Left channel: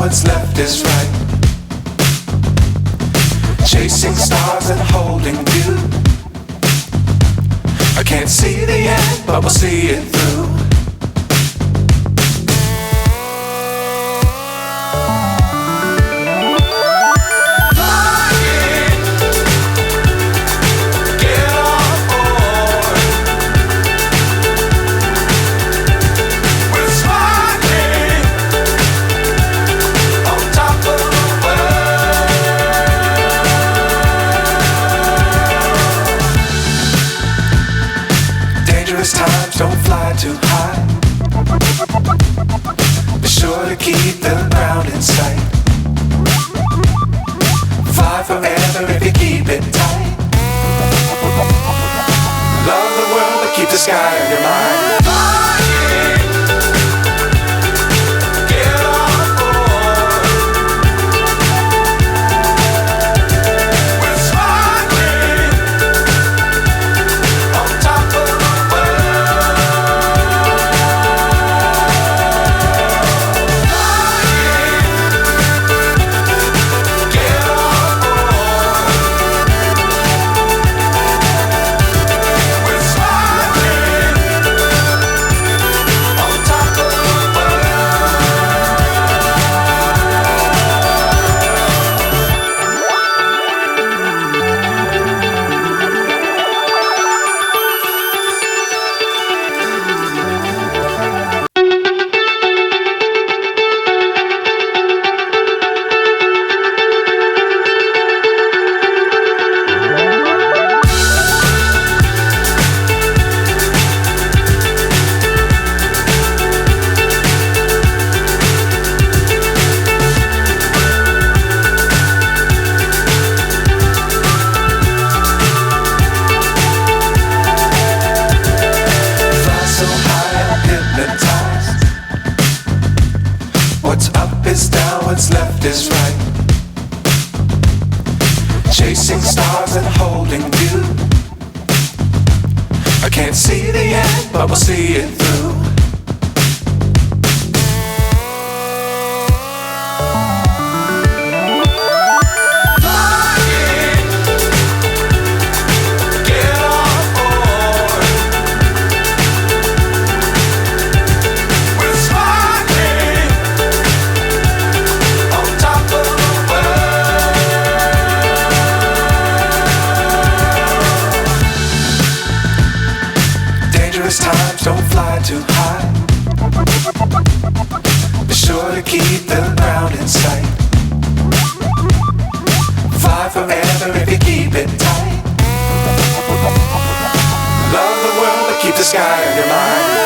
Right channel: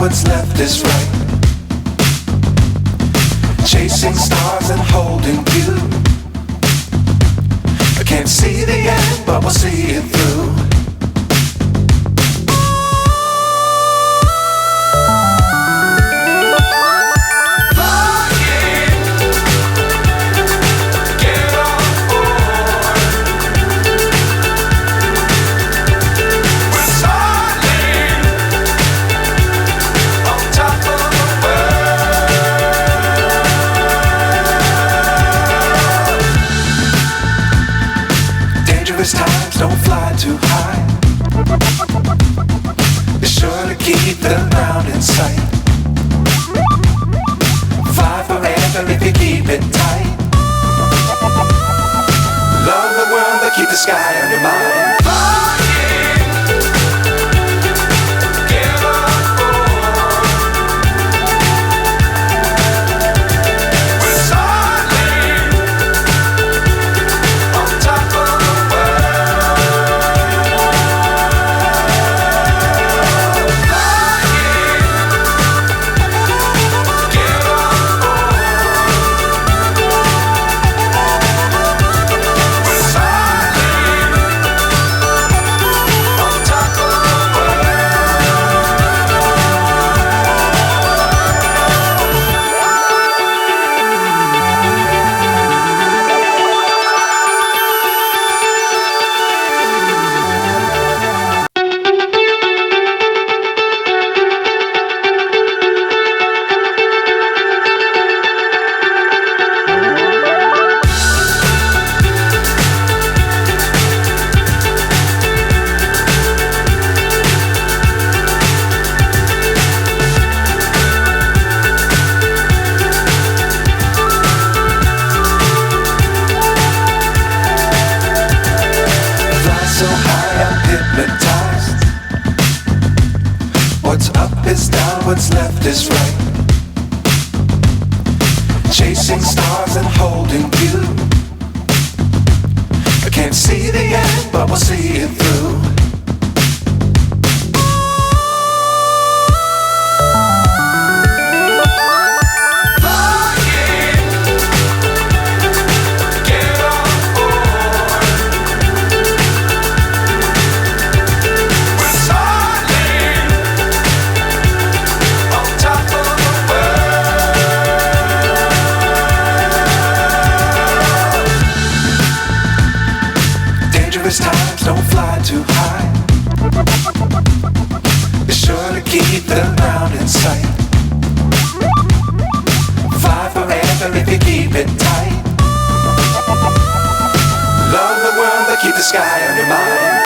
what's left is right. Chasing stars and holding you. I can't see the end, but we'll see it through. Times don't fly too high. Be sure to keep the ground in sight. Fly forever if you keep it tight. Love the world but keep the sky on your mind. So high I'm hypnotized. What's up is down, what's left is right. Chasing stars and holding you. I can't see the end, but we'll see it through. Times don't fly too high. Be sure to keep the ground in sight. Fly forever if you keep it tight. Love the world but keep the sky on your mind.